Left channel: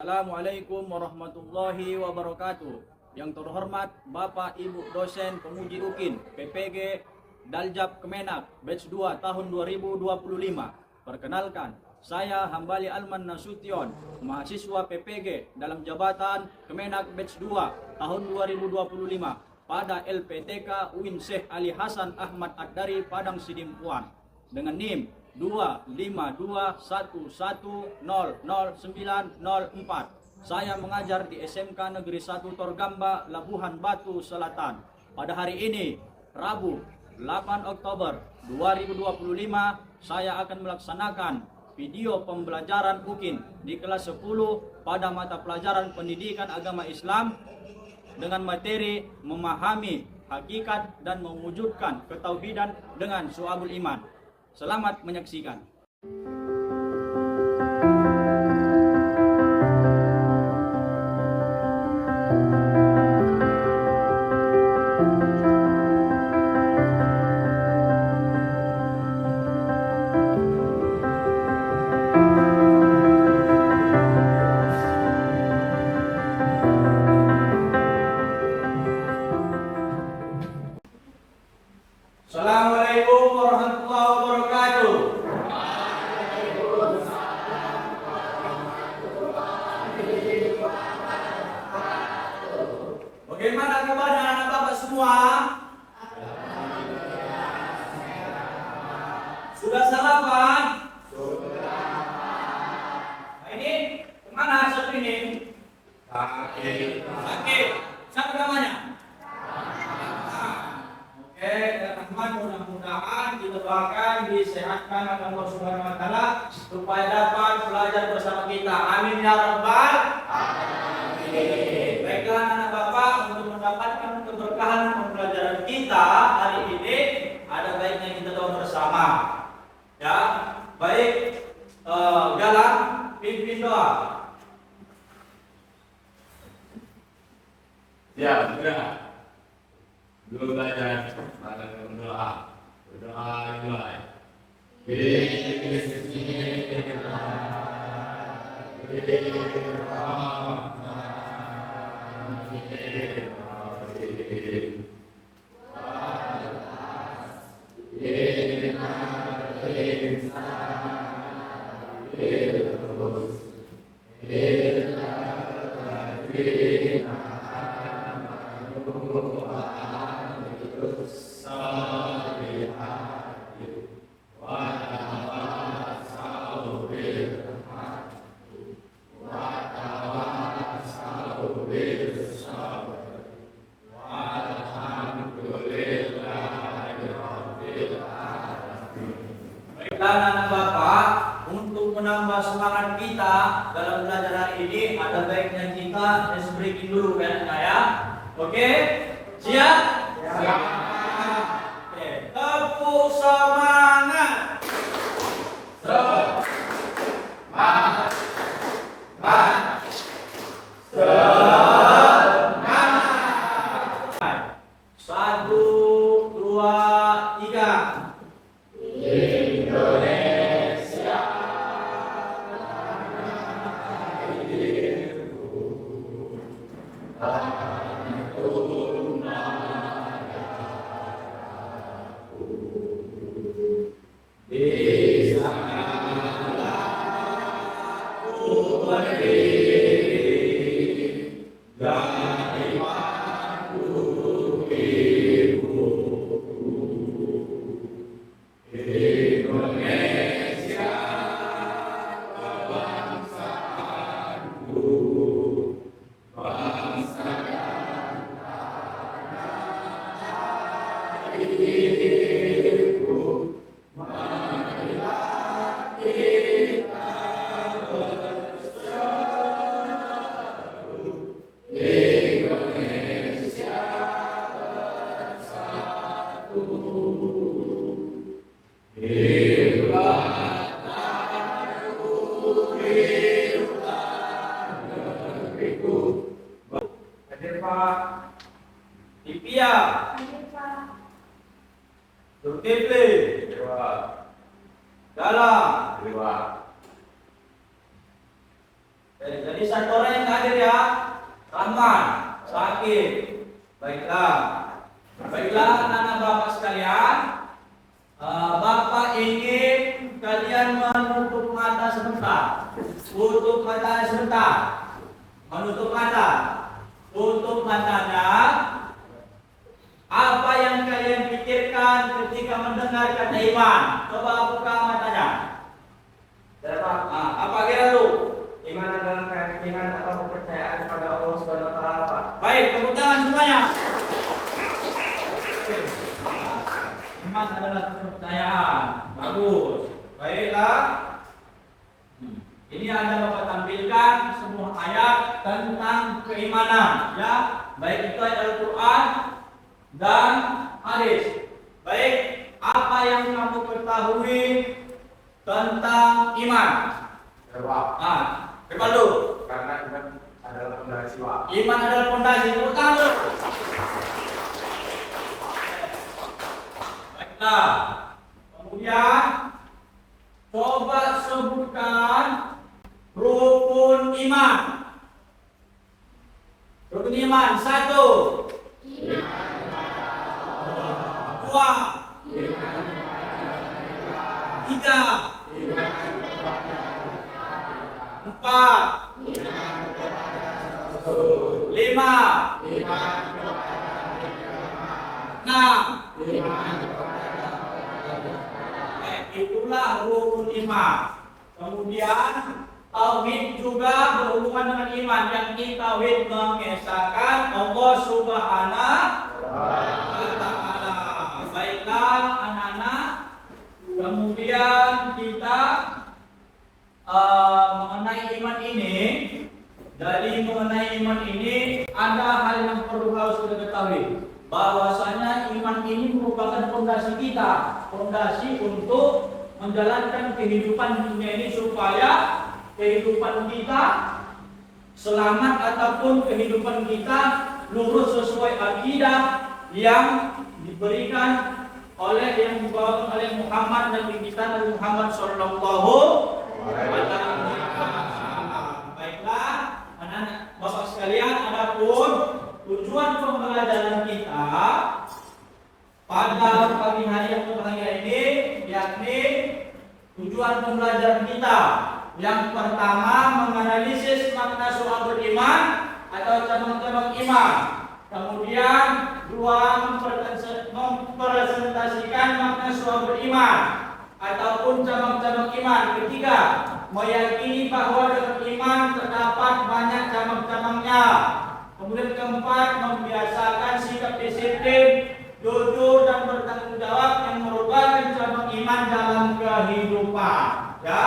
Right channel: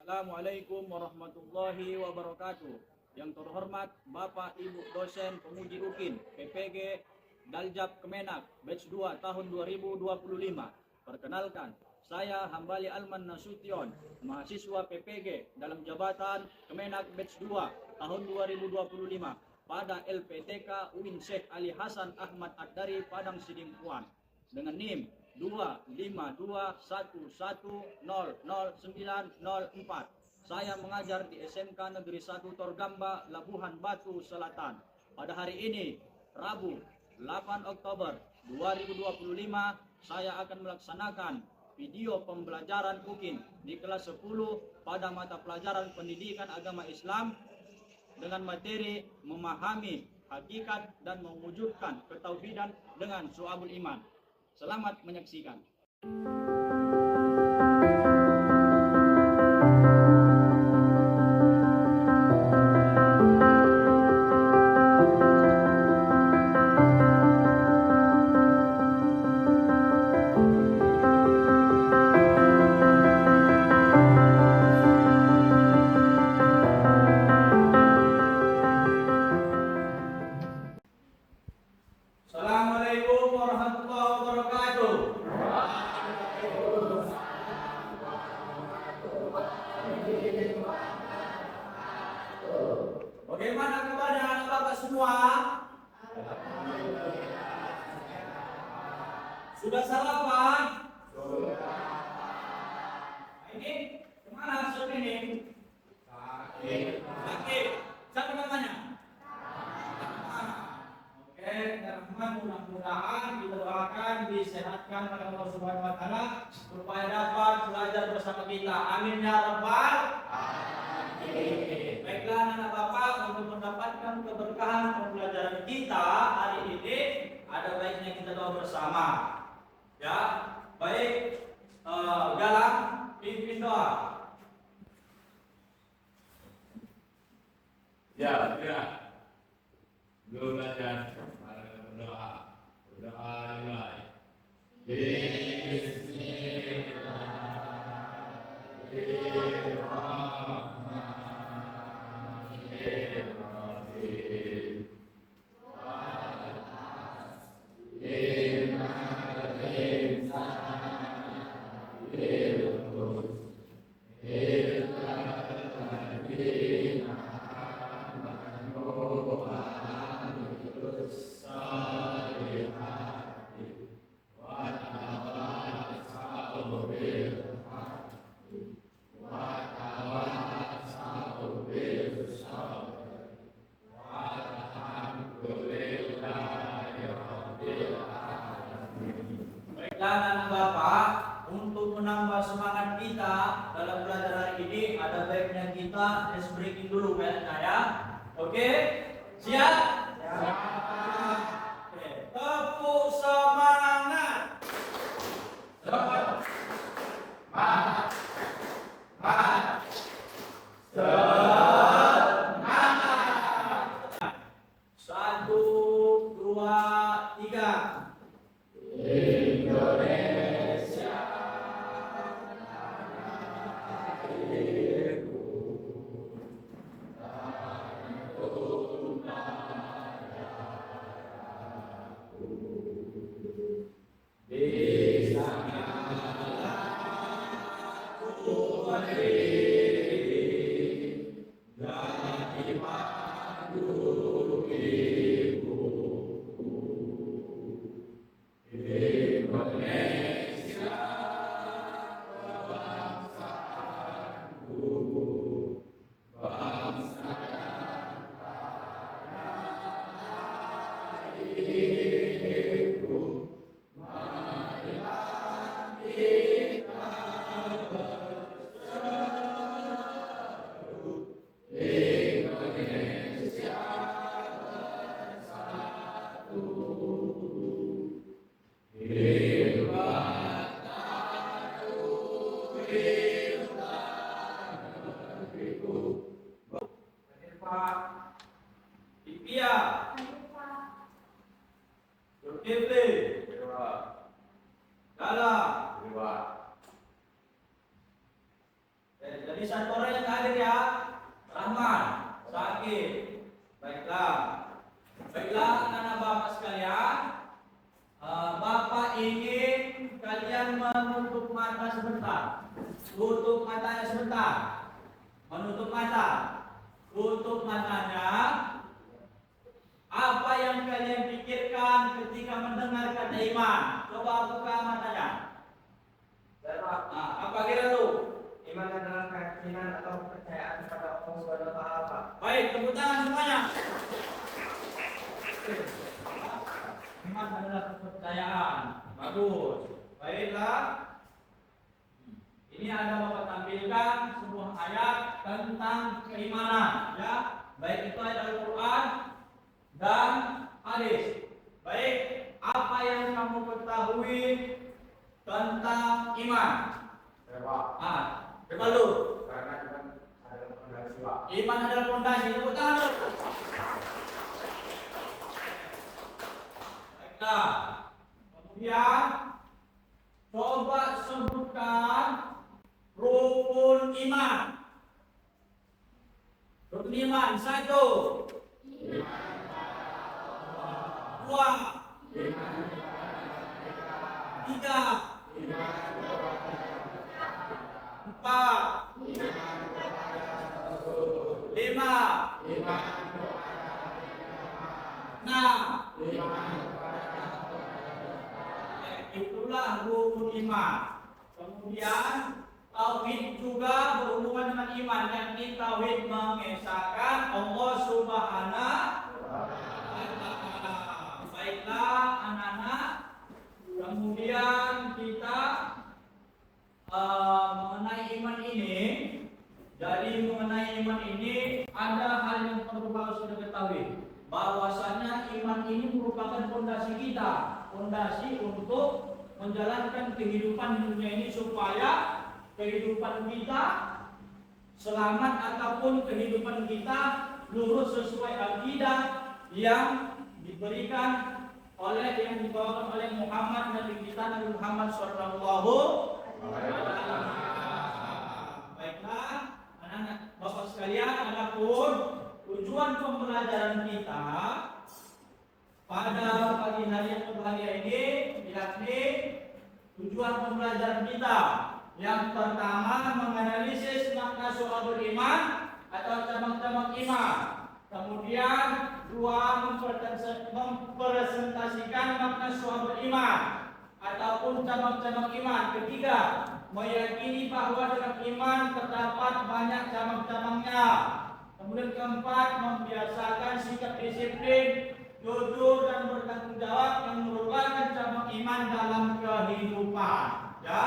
Assalamualaikum warahmatullahi wabarakatuh. Yang terhormat Bapak Ibu dosen penguji UKIN PPG Daljab Kemenak batch 2 tahun 2025. Perkenalkan, saya Hambali Alman Nasution, mahasiswa PPG dalam jabatan Kemenak batch 2 tahun 2025 pada LPTK UIN Syekh Ali Hasan Ahmad Ad-Dari Padang Sidimpuan dengan NIM 25211000904. Saya mengajar di SMK Negeri 1 Torgamba, Labuhan Batu Selatan. Pada hari ini, Rabu 8 Oktober 2025, saya akan melaksanakan video pembelajaran UKIN di kelas 10 pada mata pelajaran Pendidikan Agama Islam dengan materi memahami hakikat dan mewujudkan ketauhidan dengan syu'abul iman. Selamat menyaksikan. Assalamualaikum warahmatullahi wabarakatuh. Bagaimana kabar anak bapak semua? Sudah sarapan? Nah, ini kemana satu ini? Sakit. Siapa namanya? Oke, teman-teman, mudah-mudahan kita doakan disehatkan oleh Allah Subhanahu wa taala supaya dapat belajar bersama kita. Amin ya rabbal alamin. Baiklah anak bapak, untuk mendapatkan keberkahan pembelajaran kita hari ini ada baiknya kita doa bersama. Ya, baik, Galang pimpin doa. Ya, sudah. Dulu belajar pada berdoa. Berdoa dimulai. Baiklah anak bapak, untuk menambah semangat kita dalam belajar hari ini ada baiknya kita ice breaking dulu ya anak ya. Oke? Siap? Siap. Oke, tepuk semangat. Semangat. Semangat. 1, 2, 3. Hadir Pak Ipia. Zulkifli. Dalam. Jadi satu orang yang hadir ya, Rahman, sakit. Baiklah. Baiklah anak-anak Bapak sekalian, Bapak ingin kalian menutup mata sebentar. Tutup mata sebentar. Menutup mata. Tutup matanya. Apa yang kalian pikirkan ketika mendengar kata iman? Coba buka matanya. Apa kira lu? Iman adalah keyakinan atau kepercayaan kepada Allah Subhanahu wa taala, Pak. Baik, tepuk tangan semuanya. Iman adalah kepercayaan. Bagus. Baiklah. Ini ada Bapak tampilkan sebuah ayat tentang keimanan, ya. Baik itu ayat Al-Qur'an dan hadis. Baik, apa yang kamu ketahui tentang iman? Coba lu. Karena iman adalah fondasi, Pak. Iman adalah fondasi. Tepuk tangan lu. Baiklah. Kemudian coba sebutkan rukun iman. Rukun iman 1. Dua. 3. 4. 5. 6. Itulah rukun iman. Kemudian tauhid juga berhubungan dengan iman, yang tauhid mengesahkan Allah Subhanahu wa taala. Baiklah anak-anak, kemudian kita mengenai iman ini, dari mengenai iman ini ada hal yang perlu harus kita ketahui, bahwasanya iman ini merupakan fondasi kita, fondasi untuk menjalankan kehidupan di dunia ini supaya kehidupan kita selamat ataupun kehidupan kita lurus sesuai akidah yang diberikan oleh yang dibawakan oleh Muhammad Nabi kita Nabi Muhammad sallallahu alaihi wasallam. Baiklah, anak-anak Bapak sekalian, adapun tujuan pembelajaran kita pada pagi hari yang berbahagia ini, yakni tujuan pembelajaran kita yang pertama menganalisis makna soal beriman atau cabang-cabang iman. Kemudian dua, mempresentasikan makna soal beriman ataupun cabang-cabang iman. Ketiga, meyakini bahwa dalam iman terdapat banyak cabang-cabangnya. Kemudian keempat, membiasakan sikap disiplin, jujur dan bertanggung jawab yang merupakan cabang iman dalam kehidupan. Ya,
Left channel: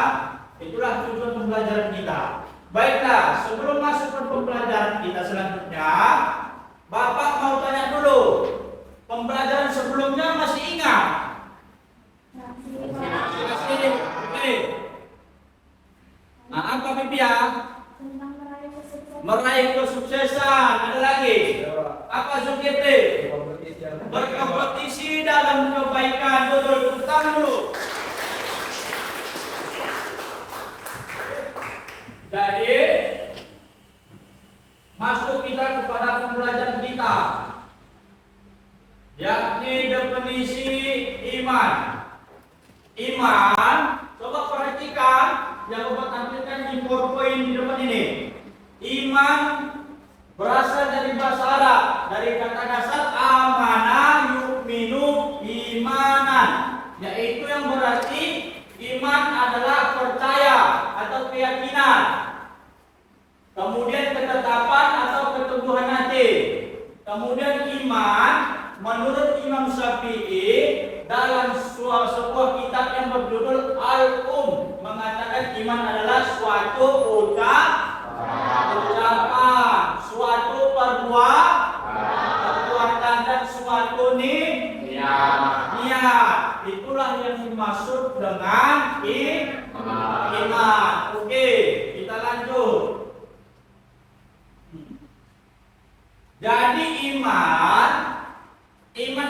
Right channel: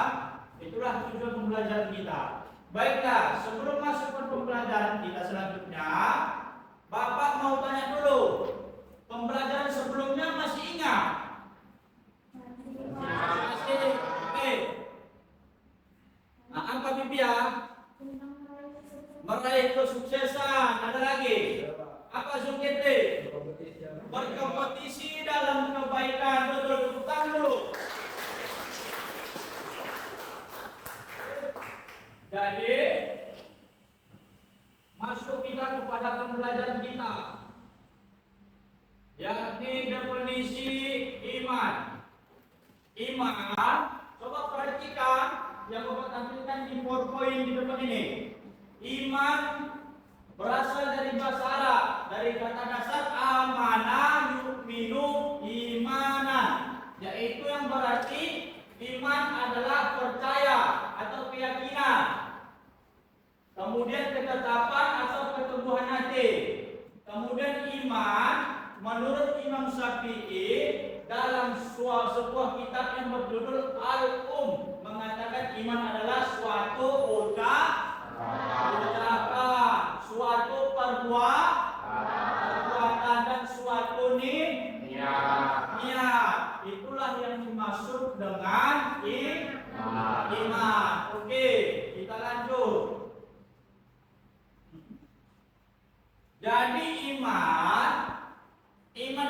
itulah tujuan pembelajaran kita. Baiklah, sebelum masuk ke pembelajaran kita selanjutnya, Bapak mau tanya dulu, pembelajaran sebelumnya masih ingat? Masih. Oke. Nah, apa Bibi ya? Meraih kesuksesan. Ada lagi? Apa Zulkifli? Berkompetisi dalam kebaikan. Betul, tepuk dulu. Jadi masuk kita kepada pembelajaran kita, yakni definisi iman. Iman, coba perhatikan yang Bapak tampilkan di PowerPoint di depan ini. Iman berasal dari bahasa Arab, dari kata dasar amana yu'minu imanan, yaitu yang berarti iman adalah percaya atau keyakinan. Kemudian ketetapan atau keteguhan hati. Kemudian iman menurut Imam Syafi'i dalam sebuah kitab yang berjudul Al-Um mengatakan iman adalah suatu ucapan, suatu perbuatan dan suatu niat. Itulah yang dimaksud dengan iman. Oke, kita lanjut. Jadi iman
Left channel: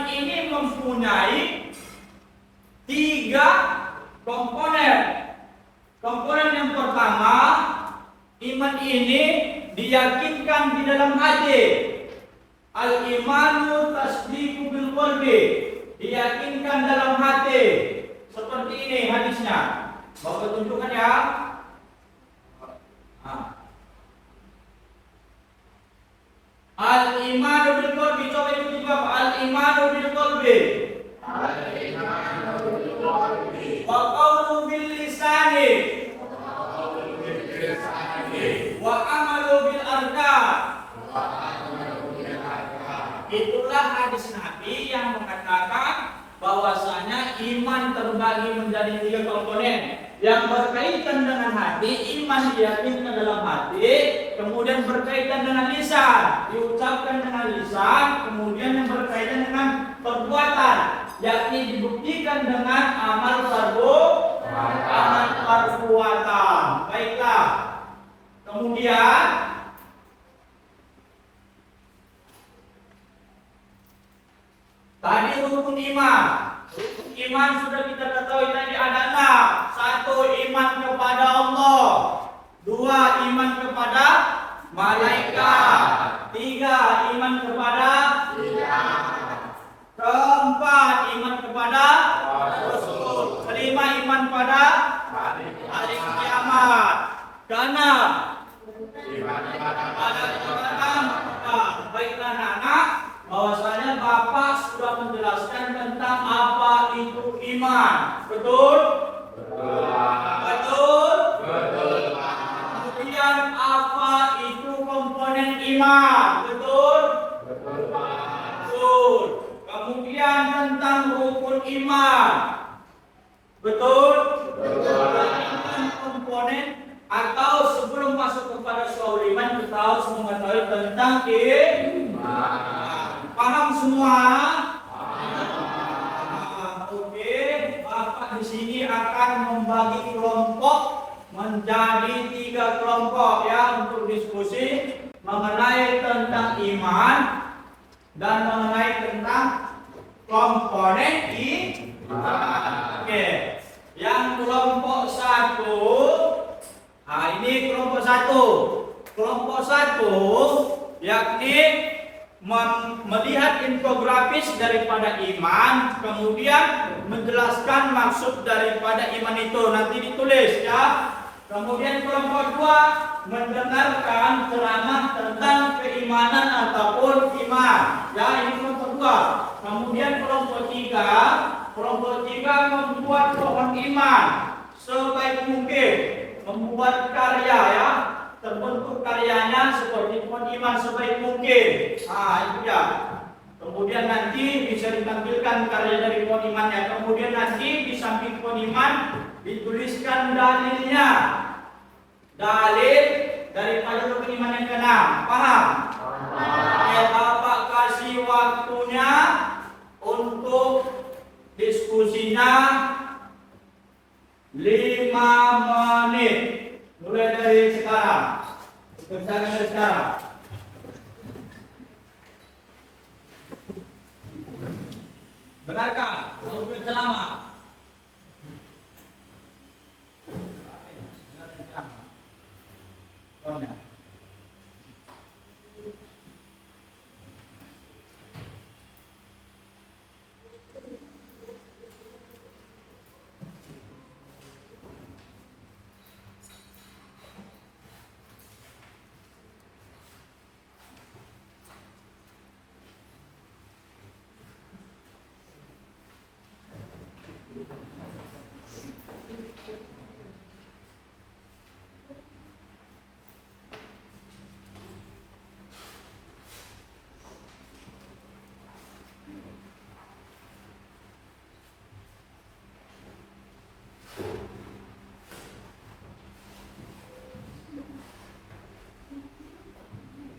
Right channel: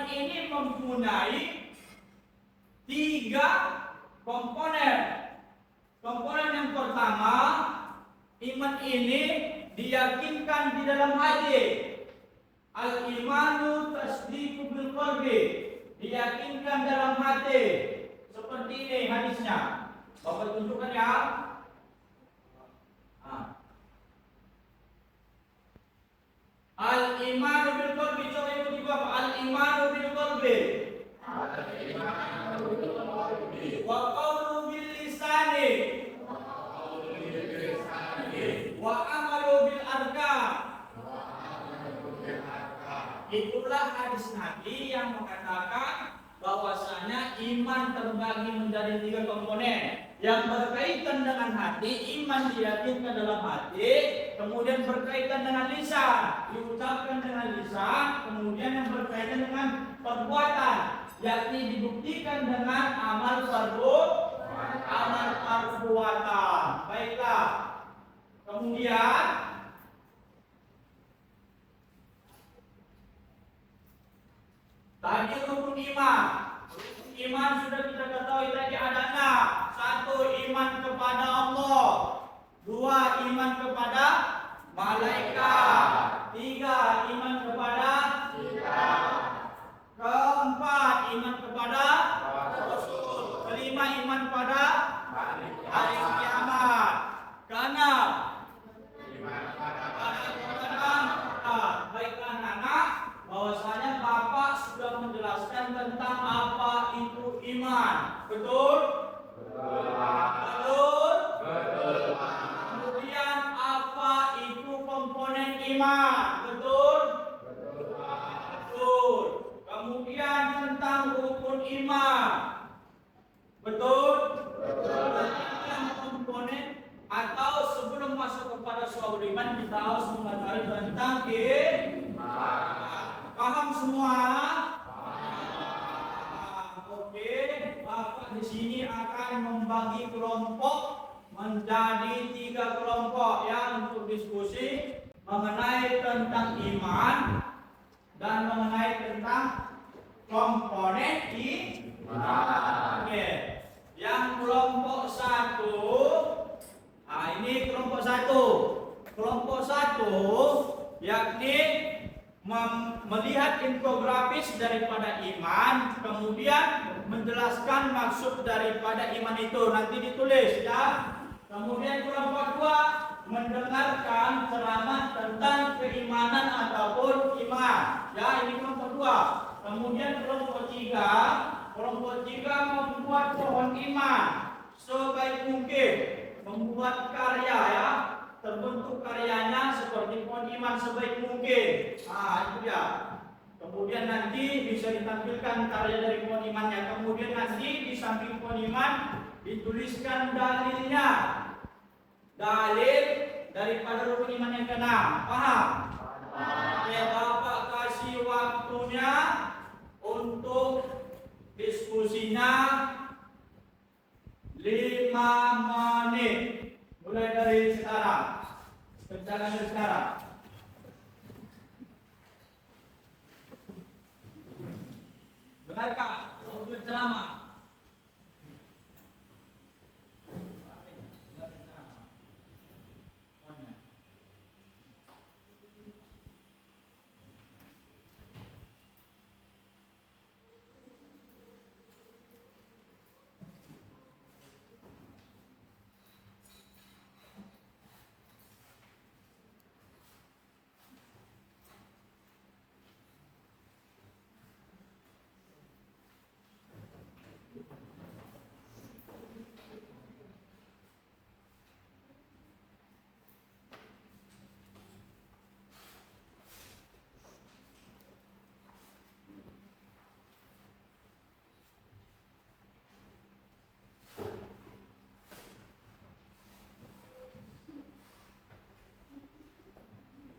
ini mempunyai 3 komponen. Komponen yang pertama Iman ini diyakinkan di dalam hati. Al-imanu tasdiqu bil qalbi, diyakinkan dalam hati. Seperti ini hadisnya. Bapak tunjukkan ya. Al-imanu bil qalbi, coba ikuti Bapak. Al-imanu bil qalbi. Wa qawlu bil lisani. Wa amalu bil arkan. Itulah hadis Nabi yang mengatakan bahwasanya iman terbagi menjadi 3 komponen. Yang berkaitan dengan hati, iman diyakinkan dalam hati, kemudian berkaitan dengan lisan, diucapkan dengan lisan, kemudian yang berkaitan dengan perbuatan, yakni dibuktikan dengan amal perbuatan. Baiklah. Kemudian tadi rukun iman. Rukun iman sudah kita ketahui tadi ada 6. 1, iman kepada Allah. 2, iman kepada malaikat. 3, iman kepada 4, iman kepada Rasul. 5, iman pada hari kiamat. 6, baiklah anak, bahwasanya Bapak sudah menjelaskan tentang apa itu iman. Betul? Betul. Kemudian apa itu komponen iman? Betul? Betul. Kemudian tentang rukun iman. Betul? Tentang komponen, atau sebelum masuk kepada soal iman kita harus mengetahui tentang iman. Paham semua? Oke, Bapak di sini akan membagi kelompok menjadi 3 kelompok ya untuk diskusi mengenai tentang iman dan mengenai tentang komponen iman. Oke, yang kelompok 1. Ini kelompok 1. Kelompok 1 yakni melihat infografis daripada iman, kemudian menjelaskan maksud daripada iman itu, nanti ditulis ya. Kemudian kelompok 2 mendengarkan ceramah tentang keimanan ataupun iman. Ya, ini kelompok 2. Kemudian kelompok 3 membuat pohon iman sebaik mungkin, membuat karya ya, terbentuk karyanya seperti pohon iman sebaik mungkin. Itu ya. Kemudian nanti bisa ditampilkan karya dari pohon imannya. Kemudian nanti di samping pohon iman dituliskan dalilnya. Dalil daripada rukun iman yang ke-6. Paham? Bapak kasih waktunya untuk diskusinya 5 menit. Mulai dari sekarang. Kerjakan dari sekarang. Benarkah? Untuk selama.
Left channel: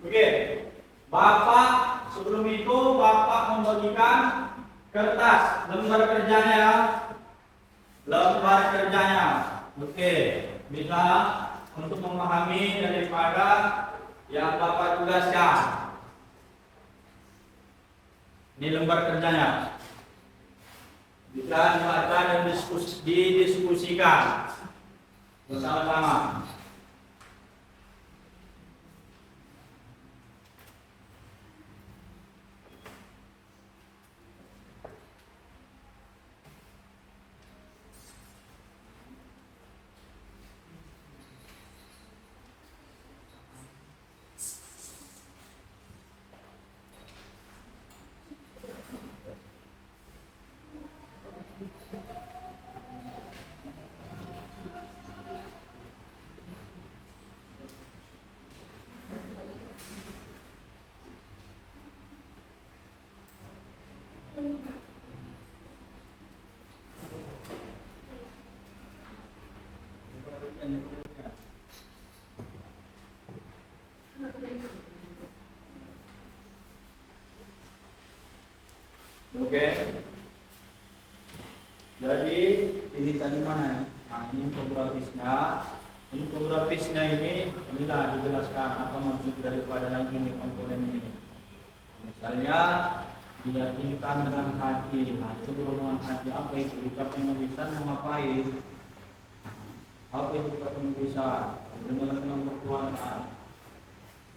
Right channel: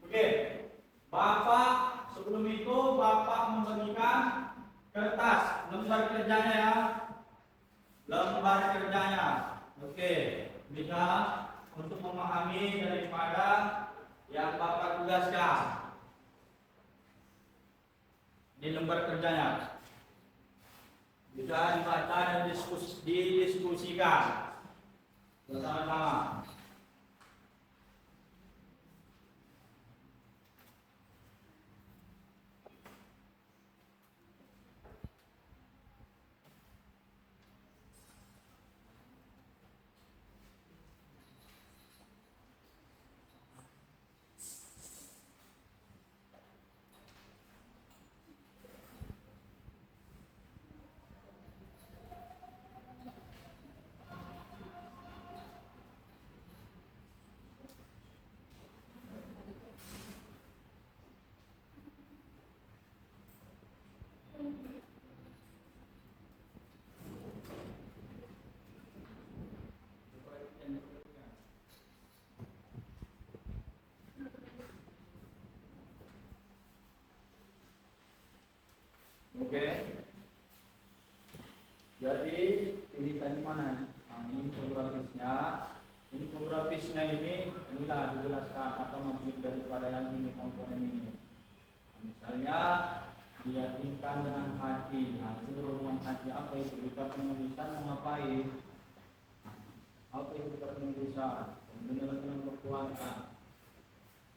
Oke, Bapak sebelum itu Bapak membagikan kertas lembar kerjanya ya, lembar kerjanya. Oke, bisa untuk memahami daripada yang Bapak tugaskan. Ini lembar kerjanya. Bisa dibaca dan didiskusikan bersama-sama. Jadi ini tadi mana? Nah, ini infografisnya. Infografisnya inilah dijelaskan apa maksud daripada yang ini komponen ini. Misalnya diyakinkan dengan hati. Nah, itu dengan hati apa itu? Ucapan lisan yang ngapain? Apa itu ucapan lisan? Dengan berkeluarga.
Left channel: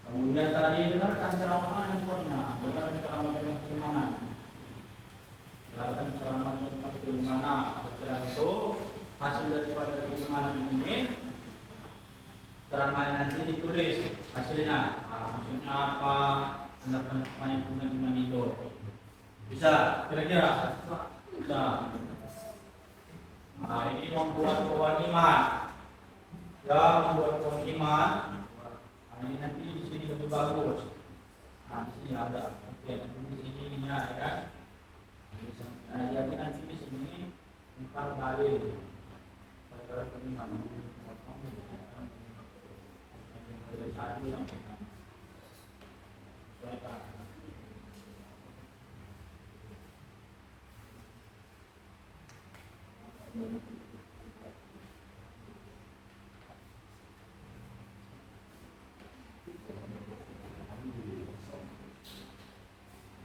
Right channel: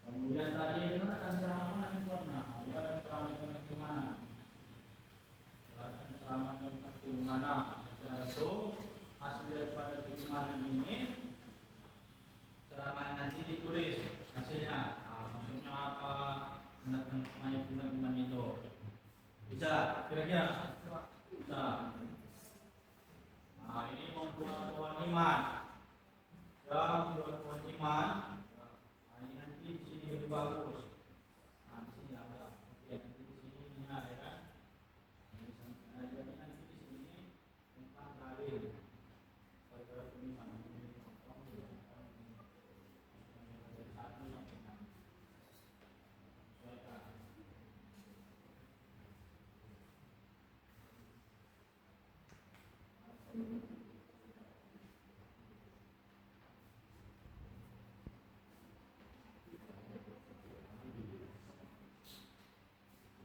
Kemudian tadi dengarkan ceramah handphonenya, dengarkan ceramah yang bagaimana? Dengarkan ceramah yang bagaimana? Setelah itu hasil daripada keimanan ini ceramah nanti ditulis hasilnya. Maksudnya apa? Anak-anak yang punya iman itu bisa kira-kira bisa. Nah, ini membuat pohon iman. Ya, membuat pohon iman. Nah, ini nanti di sini lebih bagus. Nah, di sini ada. Oke, di sini ya kan. Nah, jadi nanti di sini empat dalil. Perkara peniman. Satu sampai enam.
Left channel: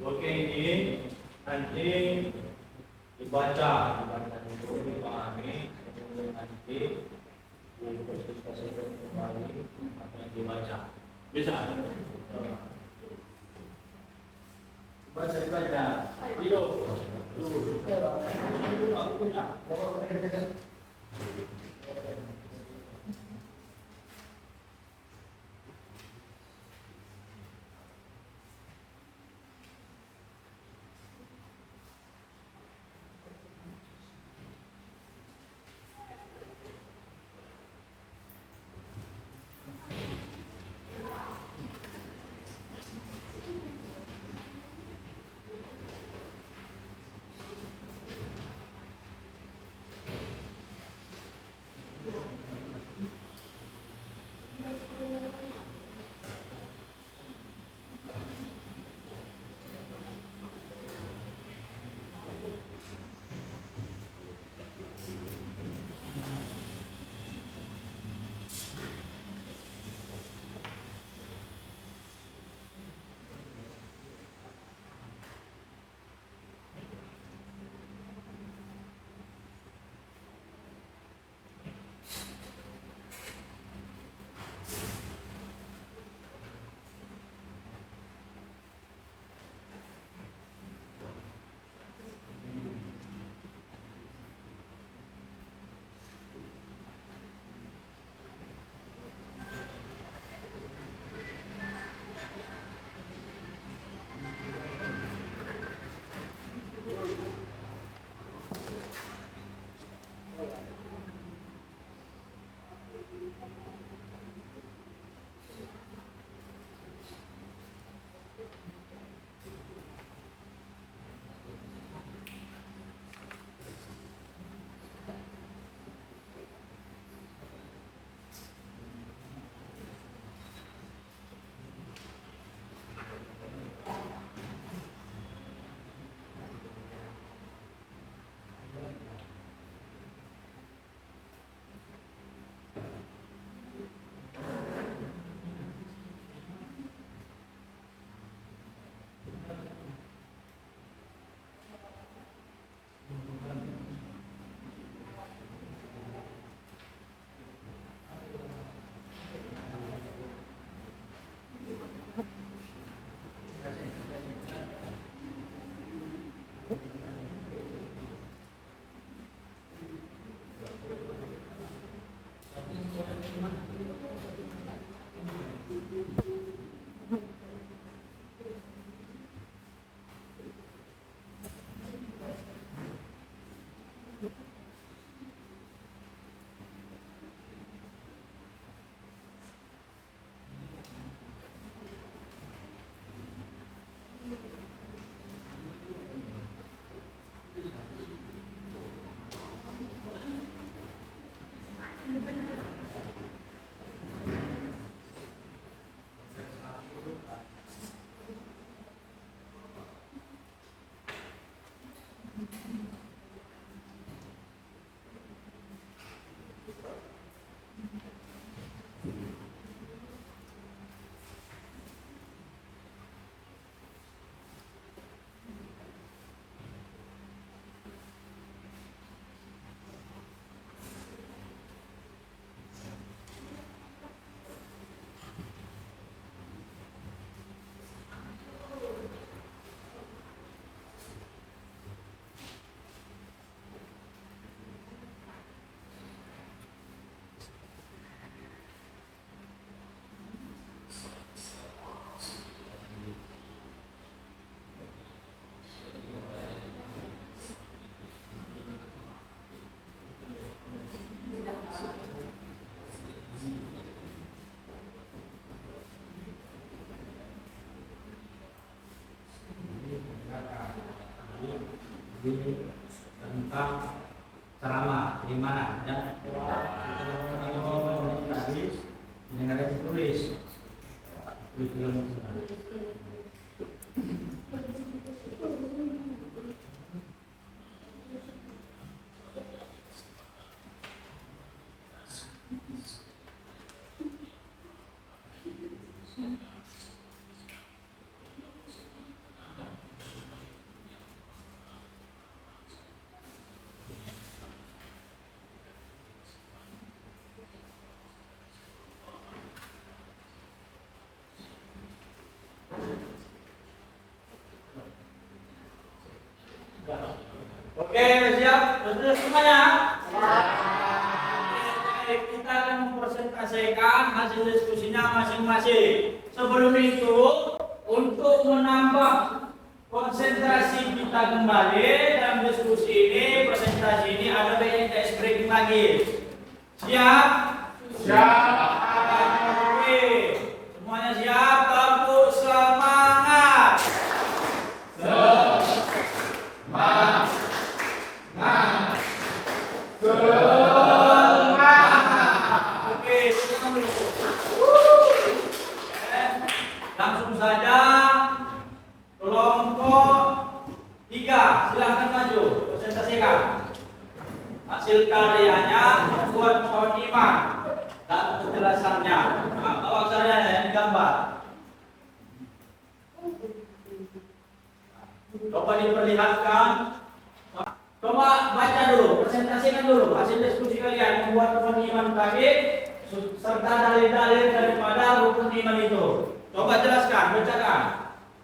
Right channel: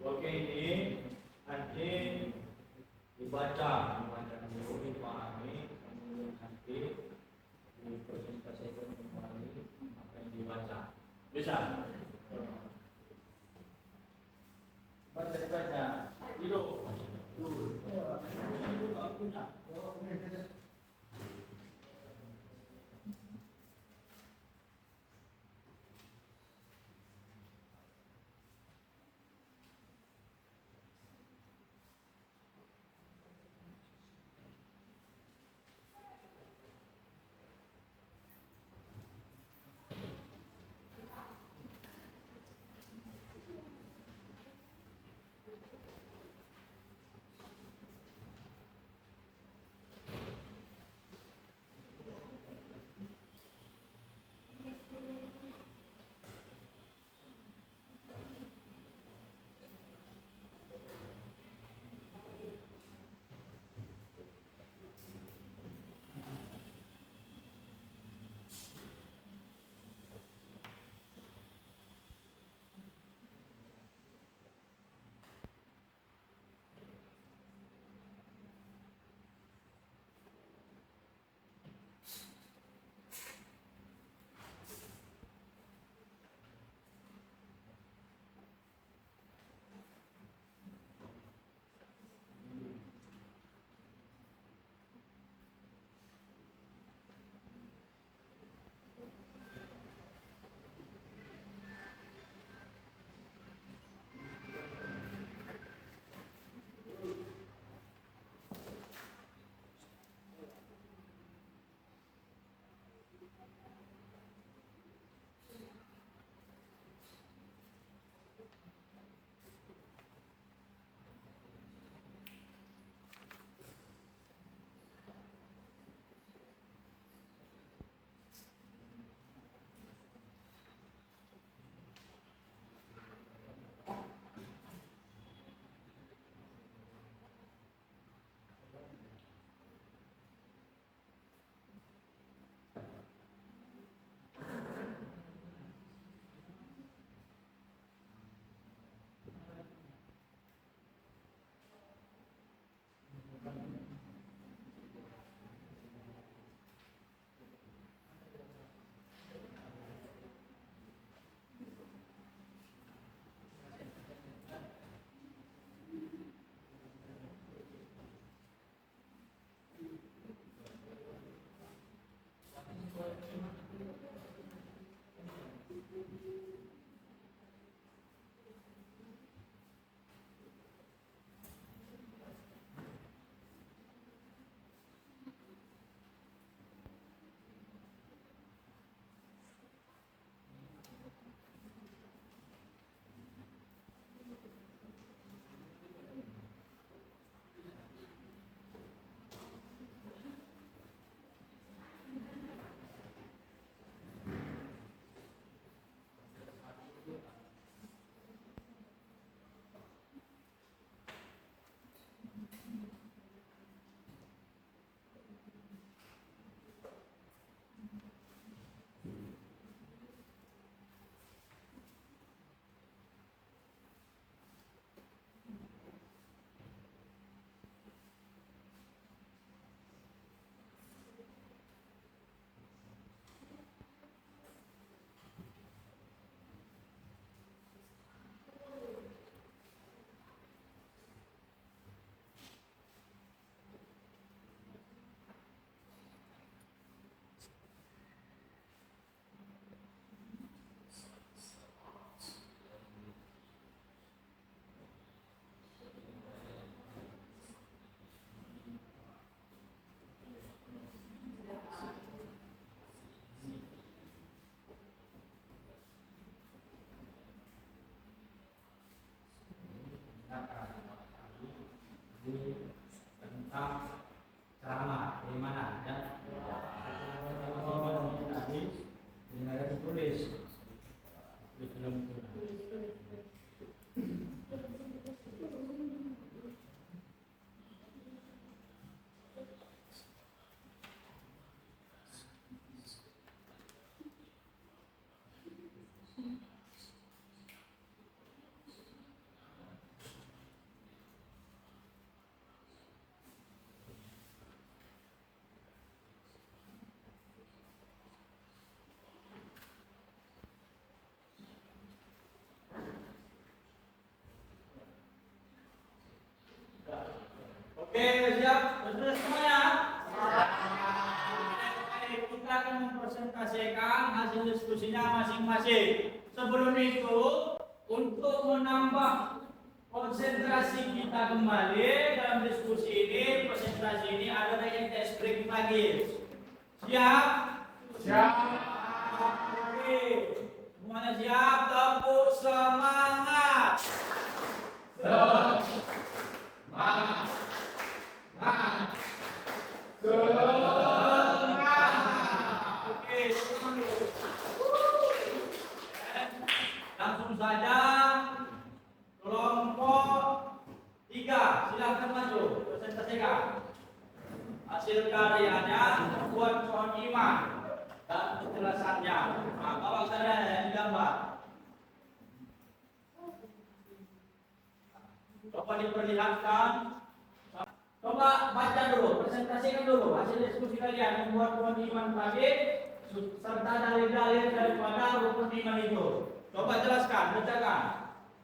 Oke, ini nanti dibaca dulu, dipahami, kemudian nanti dipresentasikan kembali apa yang dibaca. Bisa? Baca. Hidup. Aku punya. di tentang ceramah iman ya. Tadi yang ada ditulis. Oke, siap? Sudah semuanya? Baik, kita akan mempresentasikan hasil diskusinya masing-masing. Sebelum itu, untuk menambah konsentrasi kita kembali dalam diskusi ini, presentasi ini ada baiknya kita break lagi. Siap? Siap. Oke, semuanya siap? Tepuk semangat. Oke, silakan dulu. Langsung saja kelompok 3, silahkan maju, presentasikan hasil karyanya membuat pohon iman dan penjelasannya. Nah, bawa karyanya yang digambar. Coba diperlihatkan. Coba baca dulu, presentasikan dulu hasil diskusi kalian membuat pohon iman tadi serta dalil-dalil daripada rukun iman itu. Coba jelaskan, bacakan.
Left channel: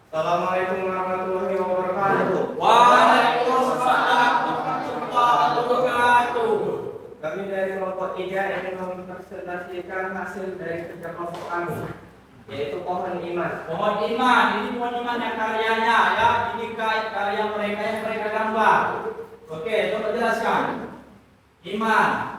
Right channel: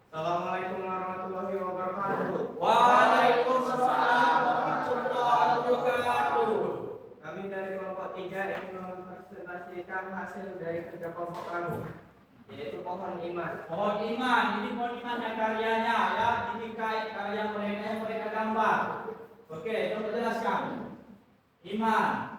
Assalamualaikum warahmatullahi wabarakatuh. Waalaikumsalam warahmatullahi wabarakatuh. Kami dari kelompok 3 ingin mempresentasikan hasil dari kerja kelompok kami, yaitu pohon iman. Pohon iman, ini pohon iman yang karyanya ya, ini karya mereka yang mereka gambar. Oke, coba jelaskan. Iman.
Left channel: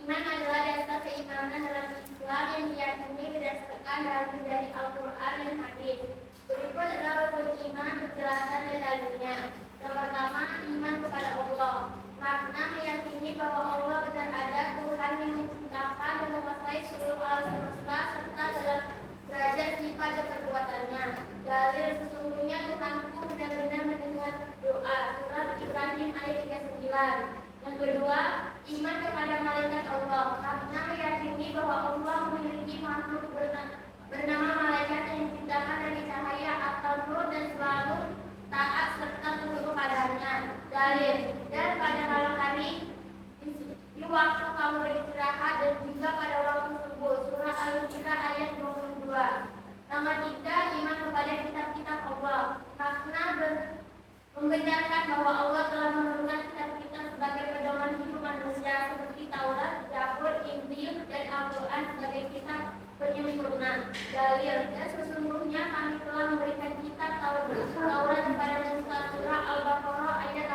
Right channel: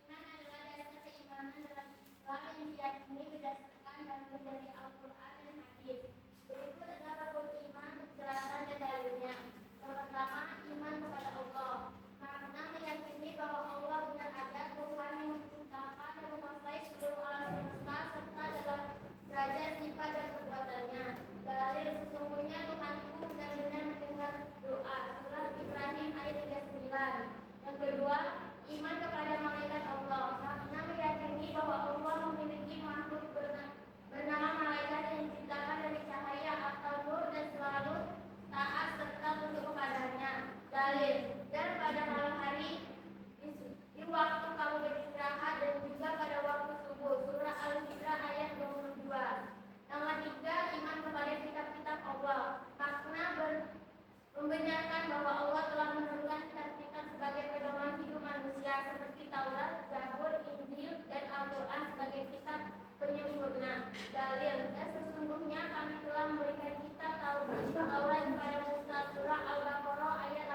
Iman adalah dasar keimanan dalam Islam yang diyakini berdasarkan dalil dari Al-Quran dan Hadis. Berikut adalah rukun iman penjelasan dan dalilnya. Yang pertama, iman kepada Allah. Makna meyakini bahwa Allah benar ada, Tuhan yang menciptakan dan menguasai seluruh alam semesta serta dalam derajat sifat dan perbuatannya. Dalil sesungguhnya Tuhanku benar-benar mendengar doa. Surat Ibrahim ayat 39. Yang kedua, iman kepada malaikat Allah. Makna meyakini bahwa Allah memiliki makhluk bernama malaikat yang diciptakan dari cahaya atau nur dan selalu taat serta tunduk kepadanya. Dalil, dan pada malam hari di waktu kamu beristirahat dan juga pada waktu subuh. Surah Al-Baqarah ayat 22. Nomor 3, iman kepada kitab-kitab Allah. Makna membenarkan bahwa Allah telah menurunkan kitab-kitab sebagai pedoman hidup manusia seperti Taurat, Zabur, Injil, dan Al-Quran sebagai kitab penyempurna. Dalil, dan sesungguhnya kami telah memberikan kitab Taurat kepada Musa. Surah Al-Baqarah ayat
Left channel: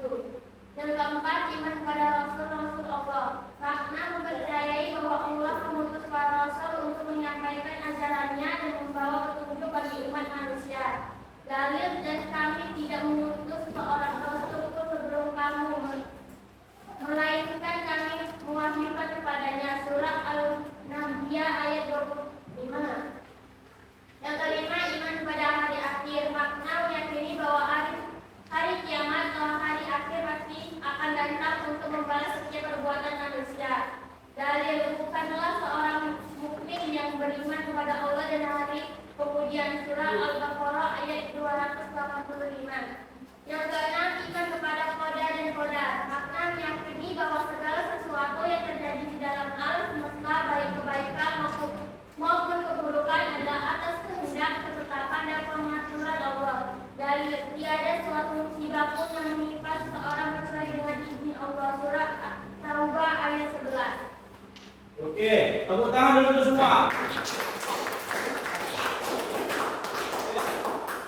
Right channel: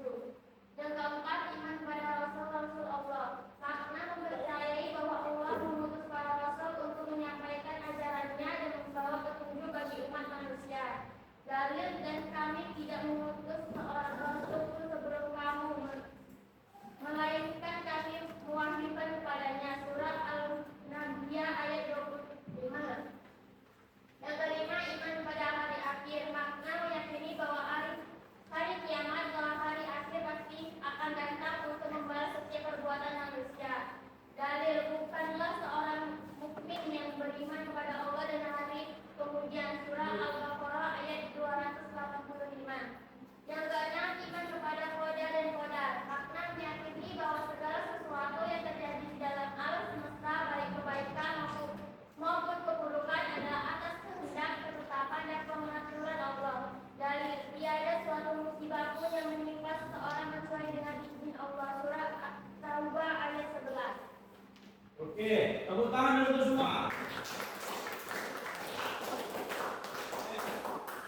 87. Yang keempat, iman kepada Rasul-Rasul Allah. Makna mempercayai bahwa Allah mengutus para Rasul untuk menyampaikan ajarannya dan membawa petunjuk bagi umat manusia. Dalil, dan kami tidak mengutus seorang Rasul sebelum kamu, melainkan kami mewahyukan kepadanya. Surah Al-Nabiyah ayat 25. Yang kelima, iman kepada hari akhir. Makna meyakini bahwa hari kiamat atau hari akhir pasti akan datang untuk membalas setiap perbuatan manusia. Dalil, bukanlah seorang mukmin yang beriman kepada Allah dan hari kemudian. Surah Al-Baqarah ayat 285. Yang keenam, iman kepada qada dan qadar. Makna meyakini bahwa segala sesuatu yang terjadi di dalam alam semesta, baik kebaikan maupun keburukan, adalah atas kehendak, ketetapan dan pengaturan Allah. Dalil, tiada suatu musibah pun yang menimpa seseorang kecuali dengan izin Allah. Surah Taubah ayat 11. Oke, tepuk tangan dulu tuh semua.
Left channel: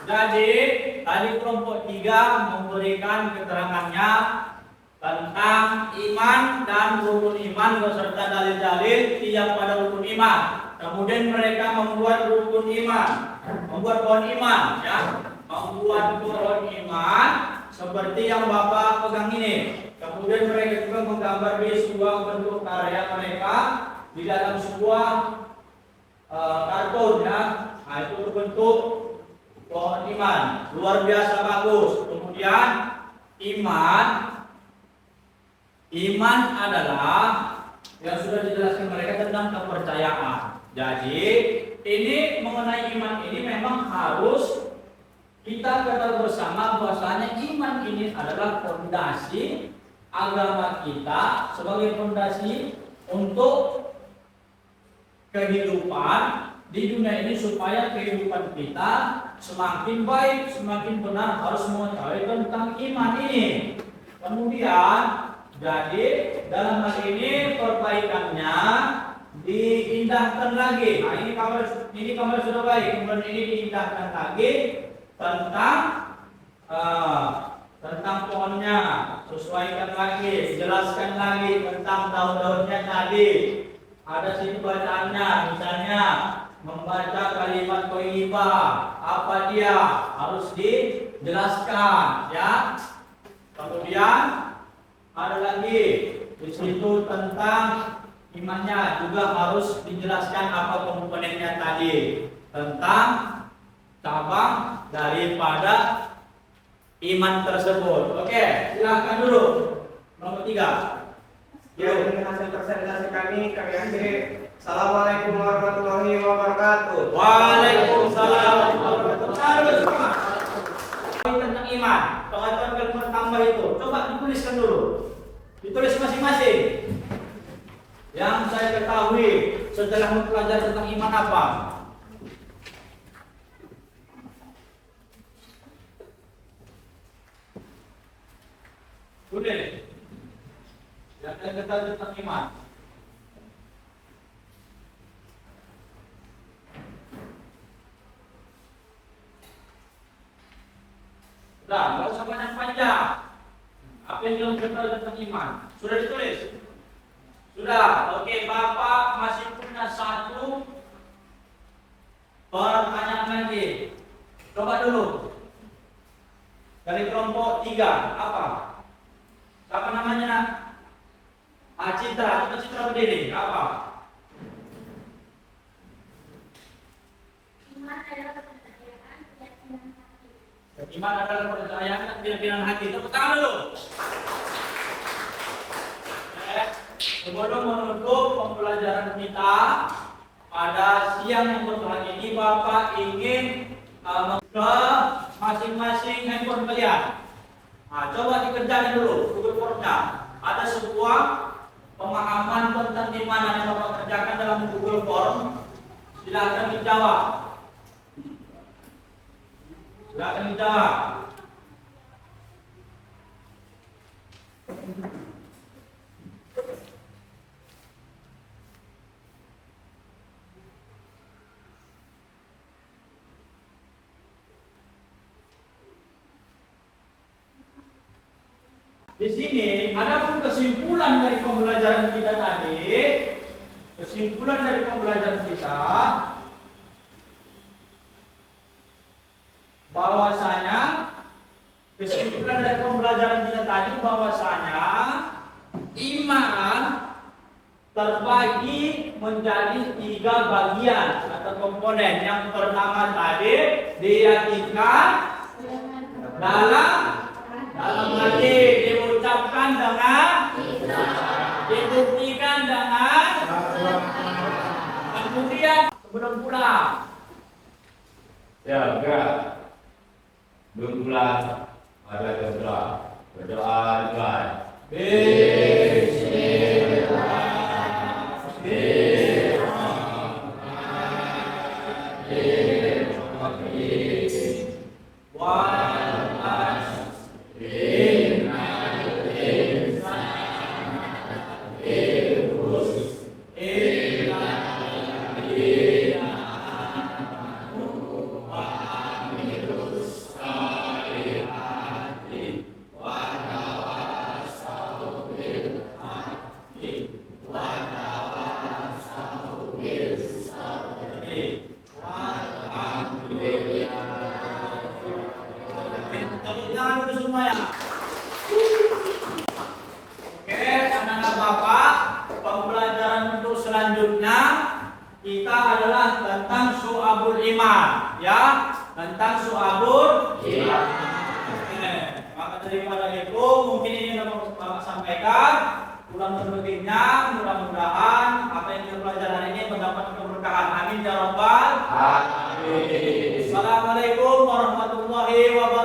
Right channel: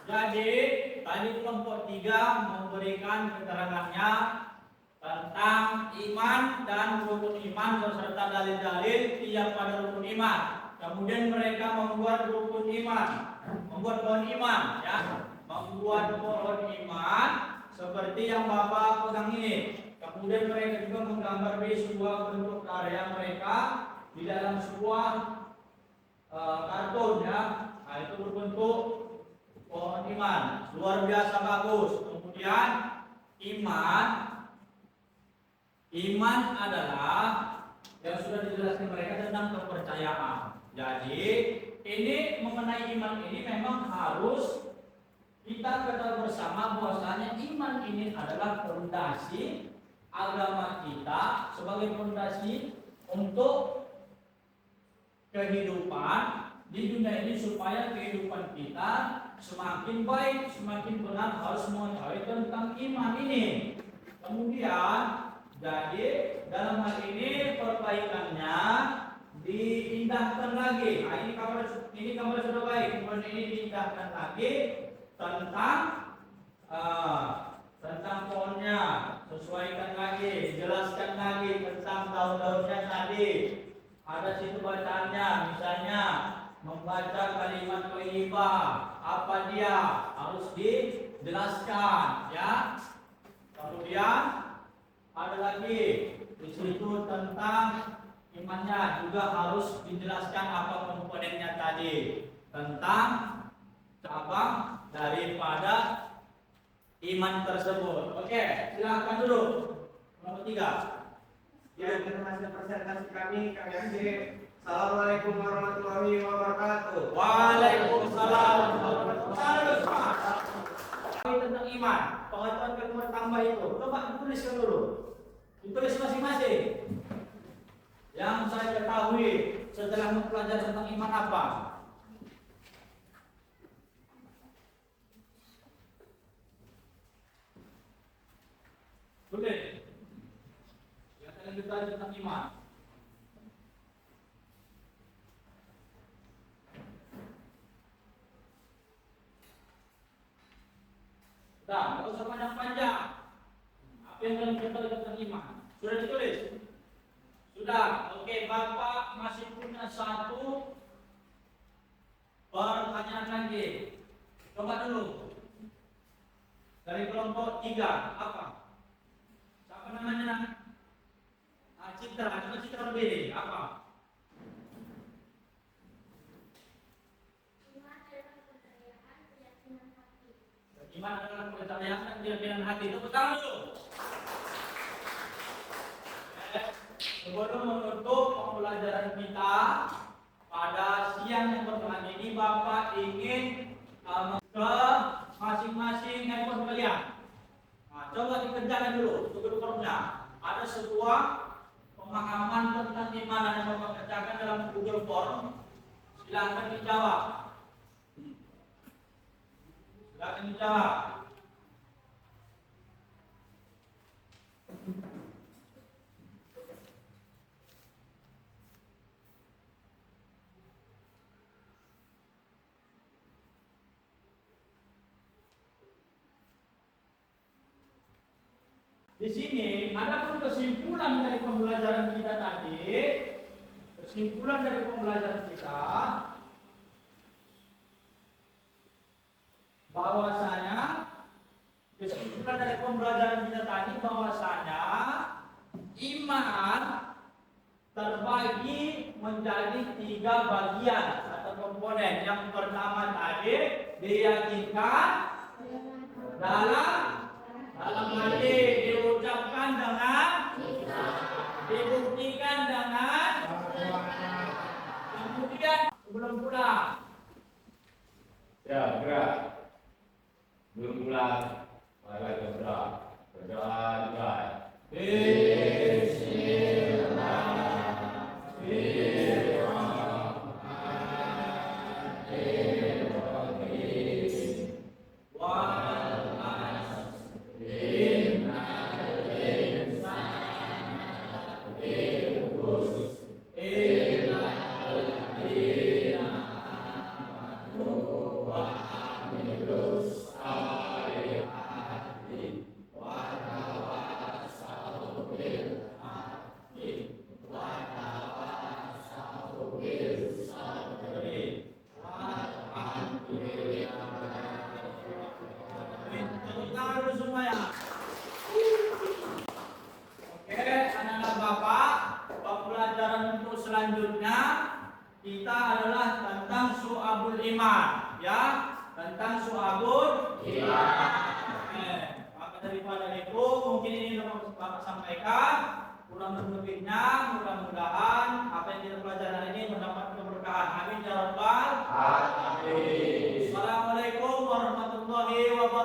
Jadi tadi kelompok 3 memberikan keterangannya tentang iman dan rukun iman beserta dalil-dalil tiap pada rukun iman. Kemudian mereka membuat rukun iman, membuat pohon iman, ya, membuat pohon iman seperti yang Bapak pegang ini. Kemudian mereka juga menggambar di sebuah bentuk karya mereka di dalam sebuah karton, ya. Nah, itu berbentuk pohon iman, luar biasa bagus. Kemudian iman adalah yang sudah dijelaskan mereka tentang kepercayaan. Jadi ini mengenai iman ini memang harus kita ketahui bersama bahwasanya iman ini adalah fondasi agama kita sebagai fondasi untuk kehidupan di dunia ini, supaya kehidupan kita semakin baik, semakin benar, harus mengetahui tentang iman ini. Kemudian jadi dalam hal ini perbaikannya diindahkan lagi. Nah, ini kamar sudah baik. Kemudian ini diindahkan lagi tentang pohonnya, sesuaikan lagi, jelaskan lagi tentang daun-daunnya tadi. Ada situ bacaannya, misalnya membaca kalimat thayyibah, apa dia harus dijelaskan, ya. Kemudian ada lagi di situ tentang imannya juga harus dijelaskan apa komponennya tadi, tentang cabang daripada iman tersebut. Oke, silakan dulu nomor 3. Ya, ini hasil presentasi kami akhiri. Assalamualaikum warahmatullahi wabarakatuh. Waalaikumsalam warahmatullahi wabarakatuh. Tentang iman, pengetahuan kalimat tambah itu, coba dituliskan dulu. Ditulis masing-masing. Yang saya ketahui setelah mempelajari tentang iman apa? Tulis. Yang saya ketahui tentang iman. Sudah, nggak usah banyak panjang. Apa yang belum ketahui tentang iman? Sudah ditulis? Sudah. Oke, Bapak masih punya satu pertanyaan lagi. Coba dulu. Dari kelompok 3, apa? Apa namanya, nak? Citra, coba Citra berdiri. Apa? Iman adalah kepercayaan, keyakinan hati. Iman adalah kepercayaan dan keyakinan hati. Tepuk tangan dulu. Sebelum menutup pembelajaran kita pada siang yang berbahagia ini, Bapak ingin ke masing-masing handphone kalian. Nah, coba dikerjakan dulu Google Form-nya. Ada sebuah pemahaman tentang di mana yang Bapak kerjakan dalam Google Form. Silakan dijawab. Silakan dijawab. Di sini ada pun kesimpulan dari pembelajaran kita tadi. Kesimpulan dari pembelajaran kita bahwasanya iman terbagi menjadi 3 bagian atau komponen. Yang pertama tadi diyakinkan dalam hati, diucapkan dengan dibuktikan dengan kemudian sebelum pulang. Ya, enggak. Belum pulang. Ada berdoa. Berdoa dimulai. Syu'abul Iman, ya, tentang Syu'abul Iman. Maka daripada itu mungkin ini yang Bapak sampaikan. Kurang lebihnya mudah-mudahan apa yang kita pelajari hari ini mendapat keberkahan. Amin ya rabbal alamin. Assalamualaikum warahmatullahi wabarakatuh.